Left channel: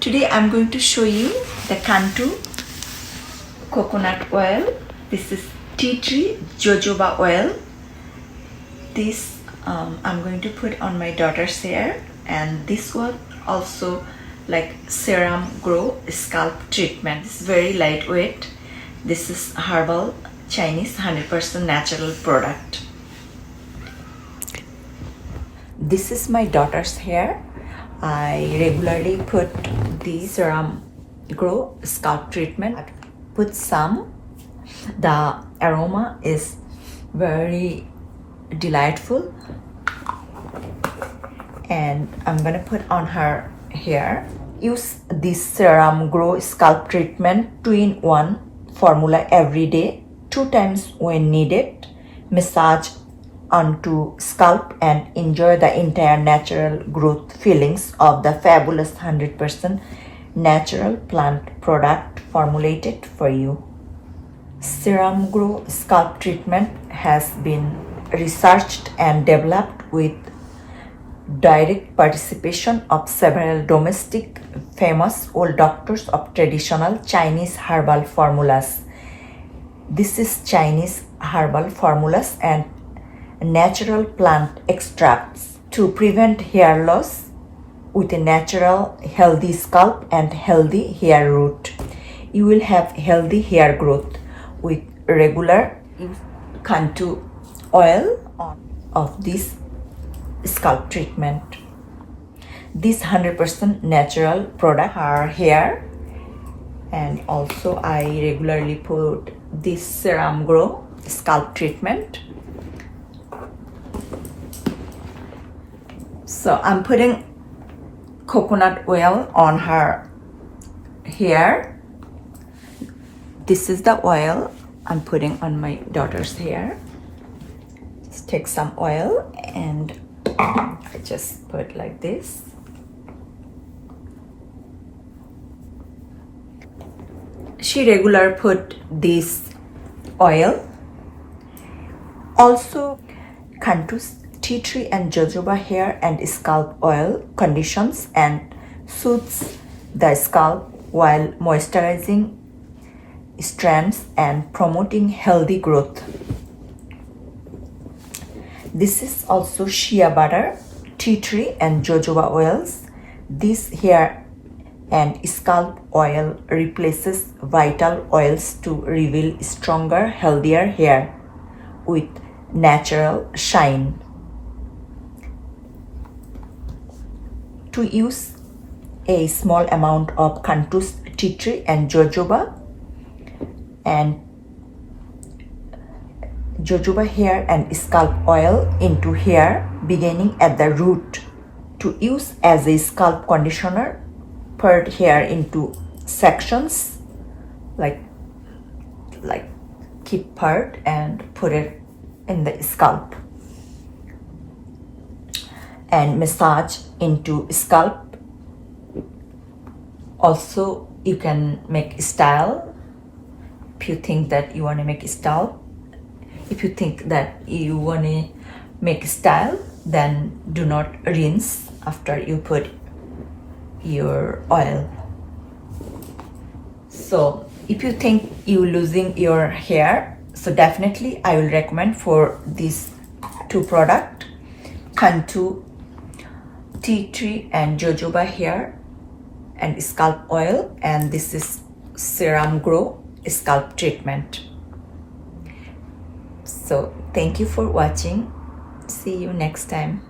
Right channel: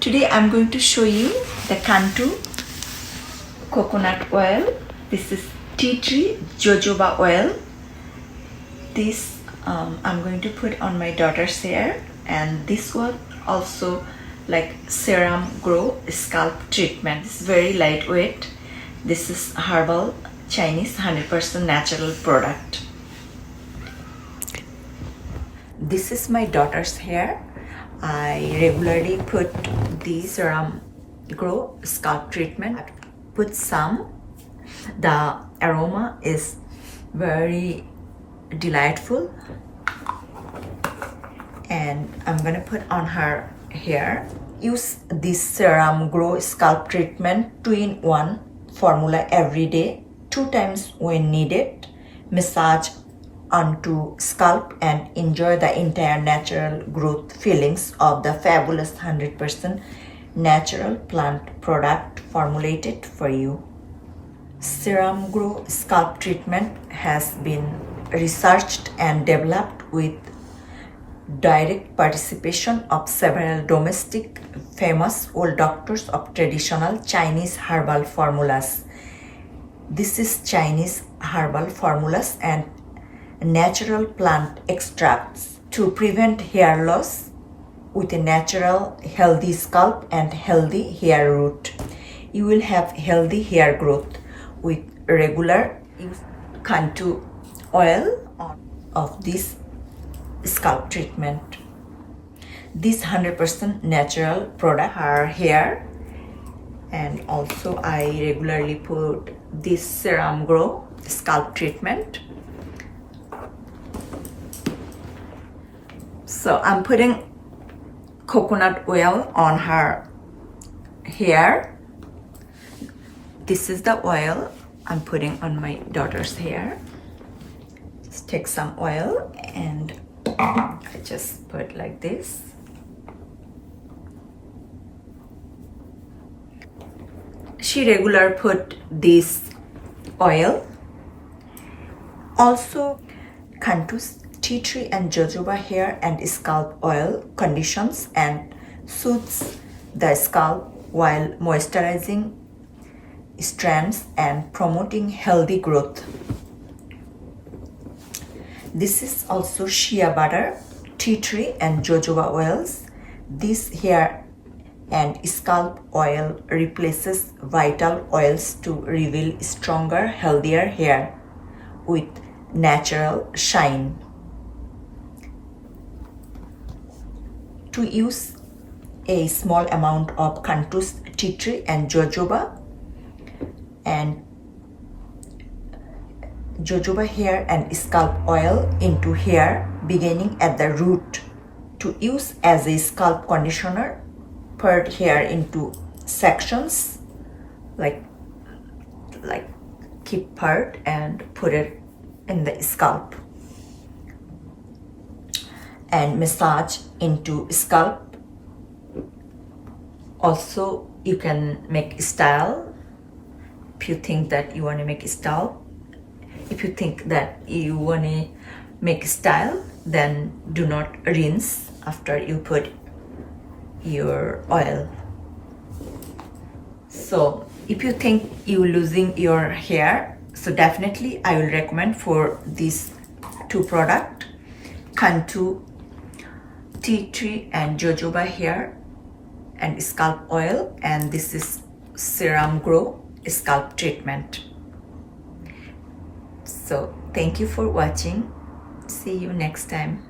Today I'm going to show you the Cantu coconut oil. This is tea tree jojoba oil. This I'm going to put on my daughter's hair, and this one also like Serum Gro scalp treatment. It's very lightweight. This is Herbal Chinese 100% natural product. This is my daughter's hair. I regularly put the Serum Gro scalp treatment. I put some. The aroma is very delightful, and I'm gonna put on her hair. Use this Serum Gro scalp treatment 2-in-1 formula every day, 2 times when needed. Massage onto scalp and enjoy the entire natural growth feelings of the fabulous 100% natural plant product formulated for you. Serum Gro scalp treatment has been researched and developed with direct participation of several domestic famous old doctors of traditional Chinese herbal formulas. This is Chinese herbal formulas and natural plant extracts to prevent hair loss with a natural healthy scalp and healthy hair root. You will have healthy hair growth with regular Cantu oil of this scalp treatment. This 100% natural product her hair, and also I regularly put this Serum Gro scalp treatment. So I'm putting coconut oil on her hair. This is the oil I'm putting on my daughter's hair. Just take some oil and I just put like this. She regular put this oil. Also, Cantu's tea tree and jojoba hair and scalp oil conditions and soothes the scalp while moisturizing strands and promoting healthy growth. This is also shea butter, tea tree and jojoba oils. This hair and scalp oil replaces vital oils to reveal stronger, healthier hair with natural shine. To use a small amount of Cantu's tea tree and jojoba hair and scalp oil into hair beginning at the root to use as a scalp conditioner. Part hair into sections like keep part and put it in the scalp and massage into scalp. Also, you can make style if you think that you want to make style. If you think that you want to make style, then do not rinse after you put your oil. So if you think you losing your hair, so definitely I will recommend for these 2 products, Cantu tea tree and jojoba hair and scalp oil, and this is Serum Gro scalp treatment. So thank you for watching. See you next time.